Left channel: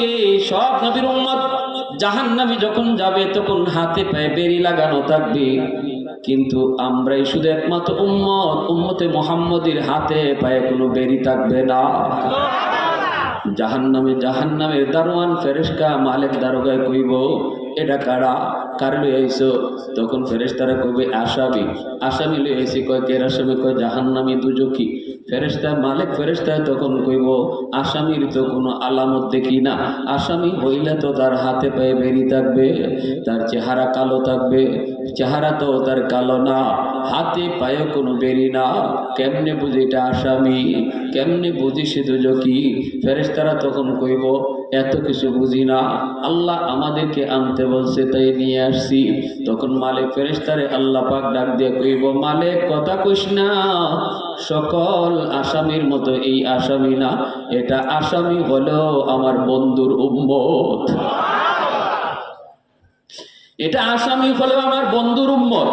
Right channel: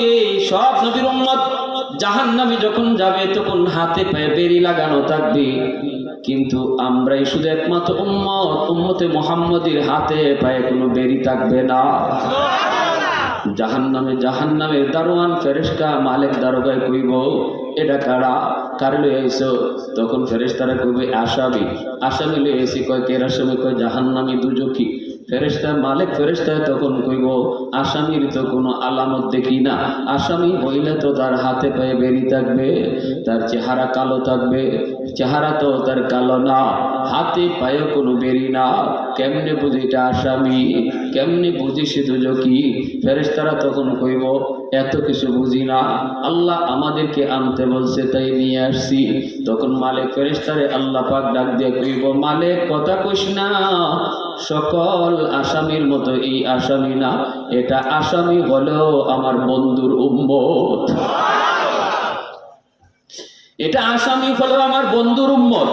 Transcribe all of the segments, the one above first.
কে? সব নবীর উম্মত জাহান্নামে যখন যাবে তখন হাতে পায়ে বেড়ি লাগানো থাকবে, কিন্তু আমরাই শুধু একমাত্র উম্মতে মুহাম্মদের হাতে পায়ে কোনো বেড়ি থাকবে না। জাহান্নামের দারোয়ান ফেরেশতা মালিক দারোগায় কইব, এটা কারা, কার লই আইছো? তখন ফেরেশতারা কইবে আসামি লই আইছি। কয় কে আসামি? কয় জাহান্নামী দুজকি। ফেরেশতা মালিক ফেরেশতা তখন কইব, আসামির তো কোনো আলামত দেখি না, আসামি হইলে তো তার হাতে পায়ে বেরি থাকবে, তার চেহারা কালো থাকবে। চেহারা তো তার কালো না, হাতে পায়ে কোনো বেরি না, কেমনে বুঝি এটা আসামি, কেমনে বুঝি সে দুজকি? ফেরেশতারা তখন কইব, এত কিছু বুঝি না, আল্লাহ আমাদেরকে আনতে বলছে তাই নিয়ে আসছি। তখন মালিক ফেরেশতারে আল্লাহ পাক ডাক দিয়ে কইব, মালিক কথা কইস না, সকল আসামির মতো এই আসামি না, এটা আসামি হলেও আমার বন্ধুর উম্মত, এটা আসামি হলেও আমার বন্ধুর উম্মত।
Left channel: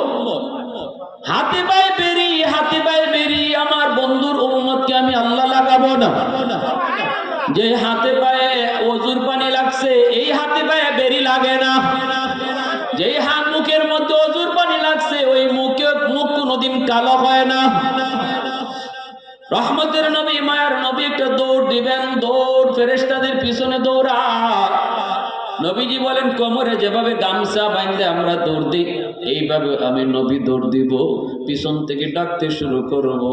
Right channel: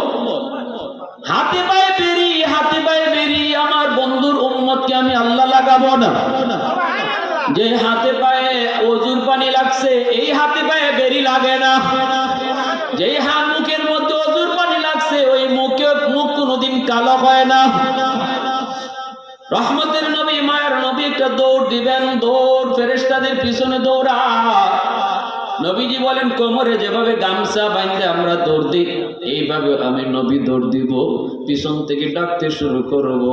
হাতে পায়ে বেরি আমার বন্ধুর উম্মতকে আমি আল্লাহ লাগাবো না। যে হাতে পায়ে ওযুর পানি লাগছে, এই হাতে পায়ে বেরি লাগে না। যেই হাত মুখের মধ্যে ওযুর পানি লাগছে, ওই মুখ কোনোদিন কালো হয় না। রহমতের নবী, মায়ের নবী একটা দৌড় দিবেন, দৌড় ফেরেশতাদের পিছনে দৌড়া। নবীজি বলেন, কোমরে যেভাবে গামছা বাঁধে আমরা দৌড় দিই, এইভাবে আমি নবী দৌড় দিব, পিছন থেকে ডাকতে শুরু করব,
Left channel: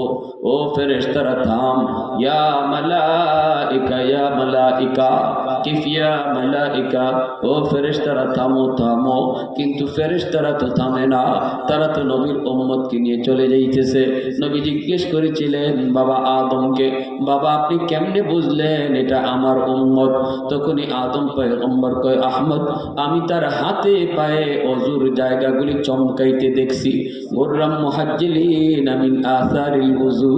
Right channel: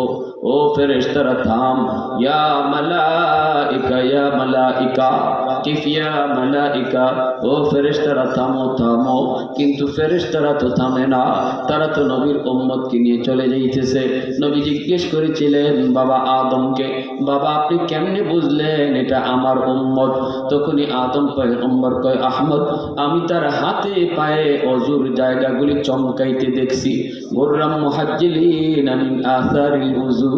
ও ফেরেশতারা থাম, ইয়া মালাইকা ইয়া মালাইকা কিফ ইয়া মালাইকা, ও ফেরেশতারা থামো থামো। কিন্তু ফেরেশতারা তো থামে না, তারা তো নবীর উম্মতকে নিয়ে চলে যাইতেছে। নবী জিজ্ঞেস করেছিলেন বাবা আদমকে, বাবা আপনি কেমনে বুঝলেন এটা আমার উম্মত? তখনই আদম পয়গম্বর কয়, আহমদ আমি তার হাতে পায়ে ওযুর জায়গাগুলি চমকাইতে দেখছি। গুররাম মুহাজ্জিলিন মিন আসারিল ওযু,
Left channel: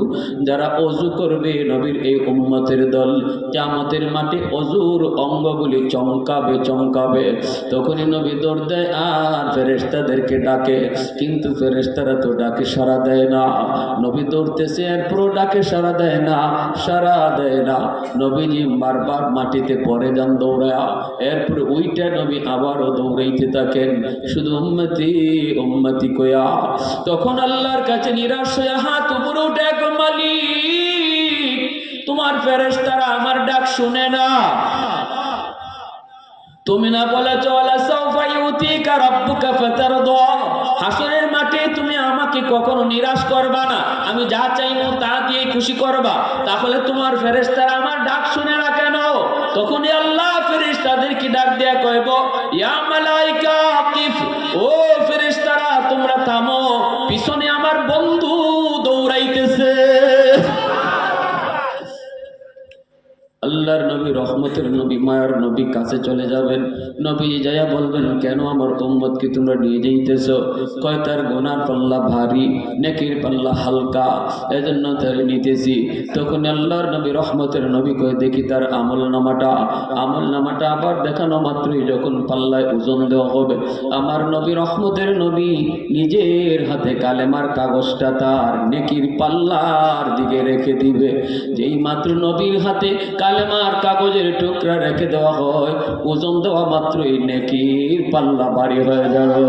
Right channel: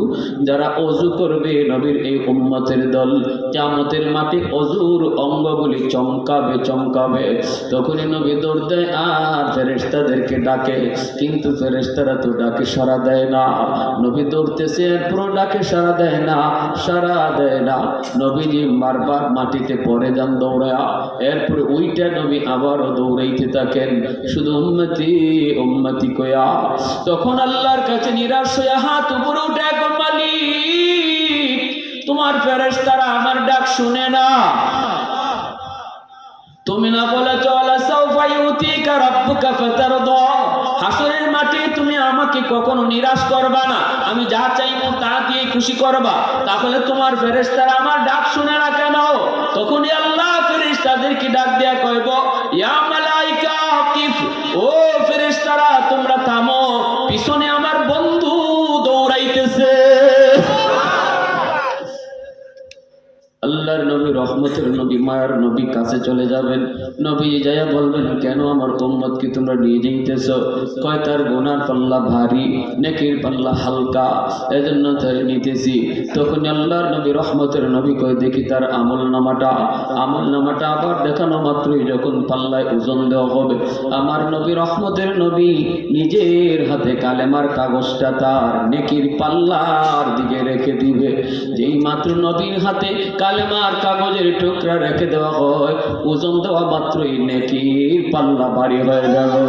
যারা ওযু করবে নবীর এই উম্মতের দল, কিয়ামতের মাঠে ওযুর অঙ্গগুলি চমকাবে। তখনই নবী দৌড় দেয় আর ফেরেশতাদেরকে ডাকে, কিন্তু ফেরেশতারা তো ডাকে সাড়া দেয় না। নবী দৌড়তেছে, পুরো ডাকে সাড়া দেয় না। নবীজি বারবার মাটিতে পড়ে যান দৌড়া, এরপরে ওইটা নবী আবারও দৌড়াইতে থাকেন, শুধু উম্মতি কয়া। তখন আল্লাহর কাছে নিরাশ হয়ে হাত উপরে উঠে, মালিক তোমার ফেরেশতারা আমার ডাক শুনে না, তুমি না বলেছো আলা সাউফা ইউতিকা রাব্বুকা ফাতারদা, হাসরের মাঠে তুমি আমাকে কখনো নিরাশ করবা না, আমি যা চাইবো তা দিয়ে খুশি করবা, তাহলে তোমার ফেরেশতারা আমার ডাক শুনে না কেন? তখনই আল্লাহ ফেরেশতাদেরকে ডাক দেয়া কইব, ইয়া মালাইকা কিফ, ও ফেরেশতারা তোমরা থামো, পিছনে আমার বন্ধু দৌড়াইতেছে। আল্লাহর নবী, রহমতের নবী, মায়ার নবী কাছে চলে যাবেন। নবী যাইয়া বলবেন, কেন আমার উম্মতকে তোমরা নিয়ে যাইতেছ? কয় তার গুনার পাল্লা ভারী, নেকির পাল্লা হালকা, এজন্য তার নিতেছি। তখন আল্লাহর নবী, রহমতের নবী কয়, দেখি তার আমল নামাটা আবার দেখানো মাত্রই যখন পাল্লায় ওজন দেওয়া হবে, আমার নবী, রহমতের নবী নিজের হাতে কালেমার কাগজটা তার নেকির পাল্লার দিকে রেখে দিবে। যেই মাত্র নবীর হাতে কালেমার কাগজের টুকরা রেখে দেওয়া হয়, ওজন দেওয়া মাত্রই নেকির পাল্লা ভারী হয়ে যাবে।